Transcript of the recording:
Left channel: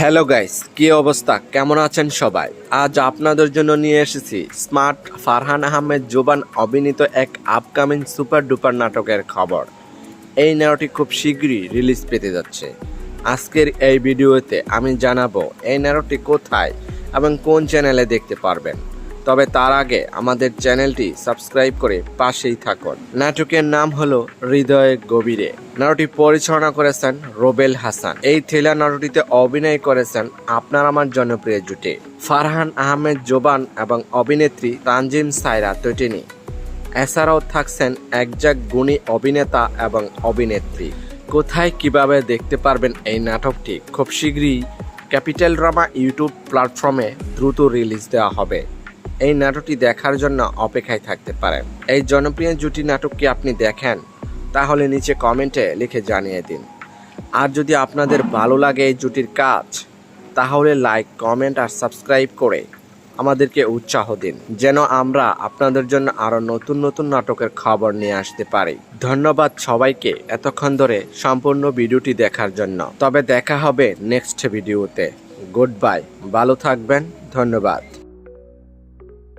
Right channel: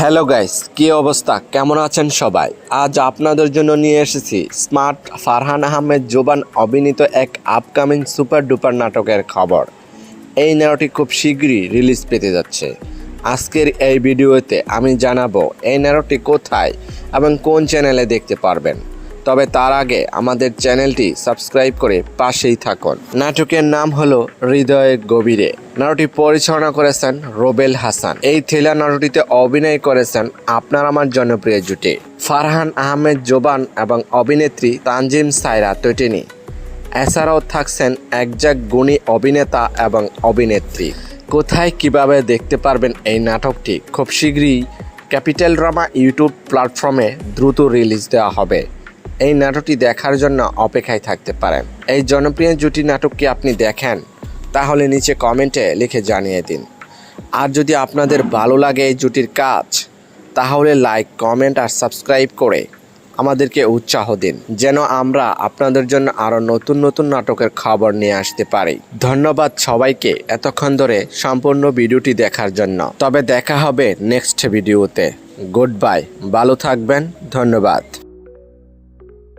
Hello guys, কি অবস্থা? কেমন আছেন সবাই? আজ আপনাদের জন্য নিয়ে এসেছি স্মার্ট ফারহান আহমেদ জোবান অভিনীত এক আপকামিং সুপার ডুপার নাটকের খবর। এই নাটকটি খুব শীঘ্রই রিলিজ পেতে যাচ্ছে। আজকের এই ভিডিওতে আমি জানাবো এই নাটকটি কোথায় এবং কোন চ্যানেলে দেখতে পারবেন। তবে তার আগে আমাদের চ্যানেলটি সাবস্ক্রাইব করে পাশেই থাকুন। নাটকের নাম হলো হৃদয়ের গভীরে। নাটকটি পরিচালনা করেছেন রোবেল হাসান। এই থ্রিলার নাটকটিতে অভিনয় করেছেন আপনার আমার জনপ্রিয় জুটি ফারহান আহমেদ জোবান এবং অভিনেত্রী তানজিম সায়রা তটিনী। এছাড়াও থাকছেন একজাক গুণী অভিনেতা এবং অভিনেত্রী। কোথায় কিভাবে দেখতে পারবেন এই নাটকটি? খুব শীঘ্রই ক্যাপিটাল ড্রামা ইউটিউব প্ল্যাটফর্মে দ্রুত রিলিজ দেওয়া হবে। এই নাটকটি দেখার জন্য অপেক্ষায় থাকতে পারেন। এই জনপ্রিয় জুটি নাটকটি আপনি দেখেন তাহলে নিচে কমেন্টে লিখে জানিয়ে দিন। আর যদি আপনাদের ভালো লাগে এই জুটির কাজ তাহলে লাইক, কমেন্ট আর সাবস্ক্রাইব করে আমাদেরকে উৎসাহ দিন, যেন আমরা আপনাদের জন্য আরও নতুন নতুন নাটকের খবর নিয়ে আসতে পারি। ধন্যবাদ সবাইকে এতক্ষণ ধরে সম্পূর্ণ ভিডিওটি দেখার জন্য। তবে দেখা হবে নেক্সট ভিডিওতে। গুড বাই, ভালো থাকবেন, ধন্যবাদ।